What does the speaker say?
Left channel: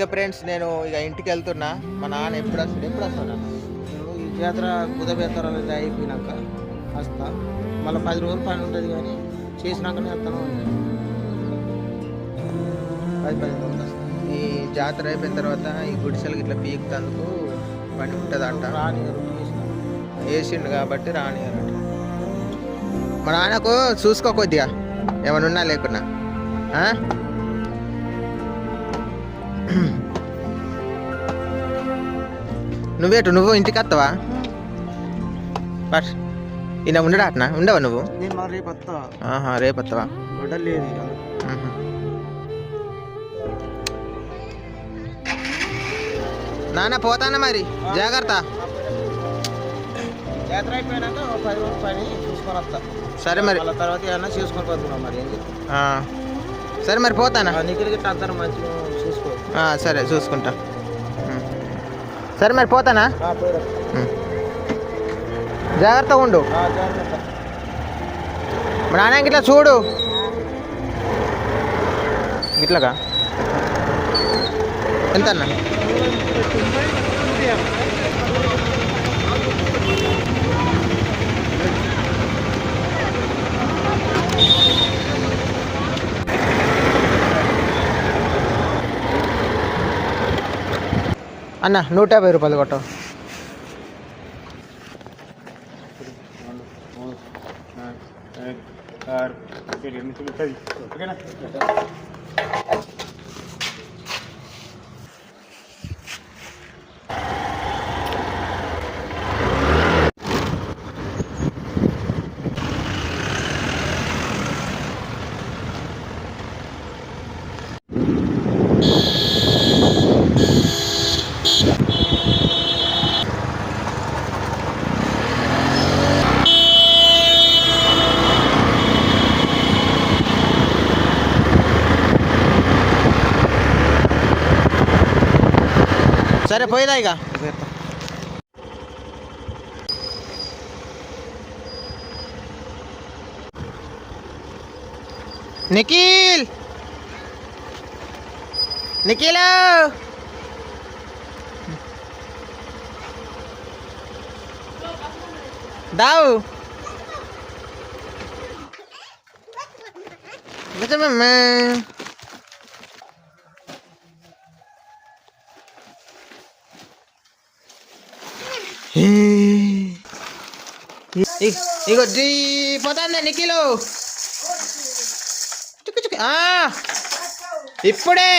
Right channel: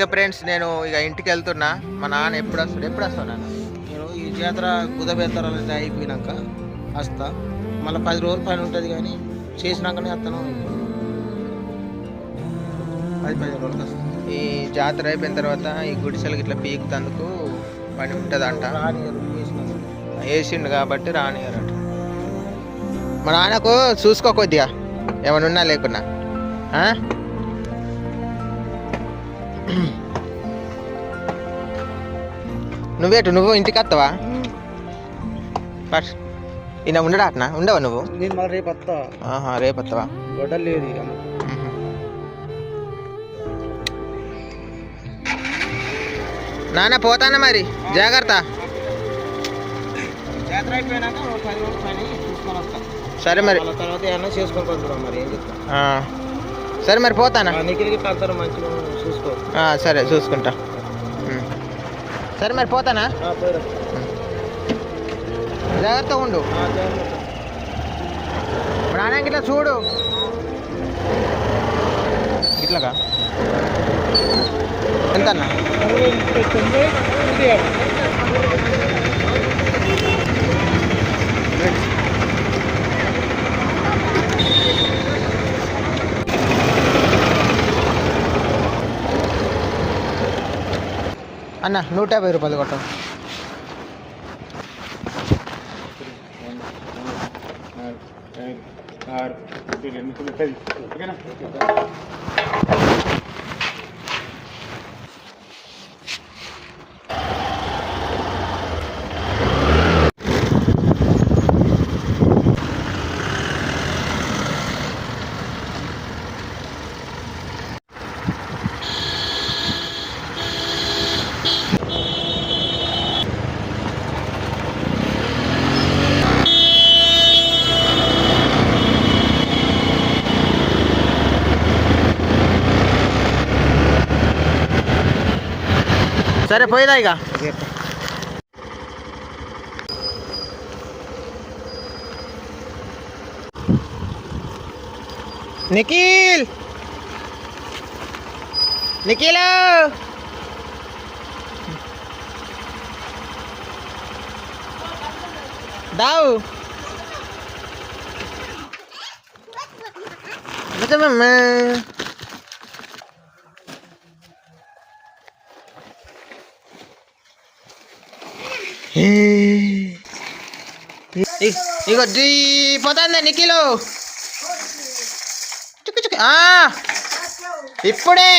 Okay friends, నేను ఇక ఇంటికి వెళ్తున్నా. మా నాన్న ఎప్పుడు వస్తాను నాన్న? నేను ఈ జాతర బుధబేతరాలు అయిపోయినాక వస్తా. మళ్ళీ 10 రోజులు పని ఉంటుంది, కానీ చేసినాకనే వస్తాను. 10 రోజులు వస్తాను. ఈ జాతర అయిపోయిన తర్వాత ఈ గుడిసెలకి ఇట్లా పీకుతందుకు పని ఉంటుంది అంట. రానియరు, వేసిండు కాబట్టి రానియరు. మా నాన్నకు చూసుకో కొద్దిగా, ఏమైనా ఉన్నా లేకున్నా. నువ్వు ఇంటికి వస్తావా? ఫస్ట్ ఈయన ఉండడా అట్నా? ఉండవా నువ్వు? నేను మళ్ళీ రేపు వస్తా. రేపు వస్తావా? గొడవలు లేదు ఇక. నాన్న పోతానా మరి, జాగ్రత్త. జాతర అయిపోయినాక 10 రోజులు పని చూసుకొని వస్తా. సరే మరి, తర్వాత ఏమన్నా చేసుకోకపోతున్నాం. మరి ఏం చెప్తా. సరే మరి పోతానా? నిఖిల్ గిట్ల అంతా మంచిగా చూసుకో. సరే చూసుకుంటా. సరే మరి పోతానా? జాగ్రత్తగా ఉండు. మా నాన్న ఇట్లా చూడు, ఇట్లాగా ఎంత అన్న? 150 రూపాయలు కొట్ట. సరే పోయినా ఇక. నిఖిల్ దావు నిజమమ్మా. ఇగో పోతుందా నిఖిలు? ఇప్పుడే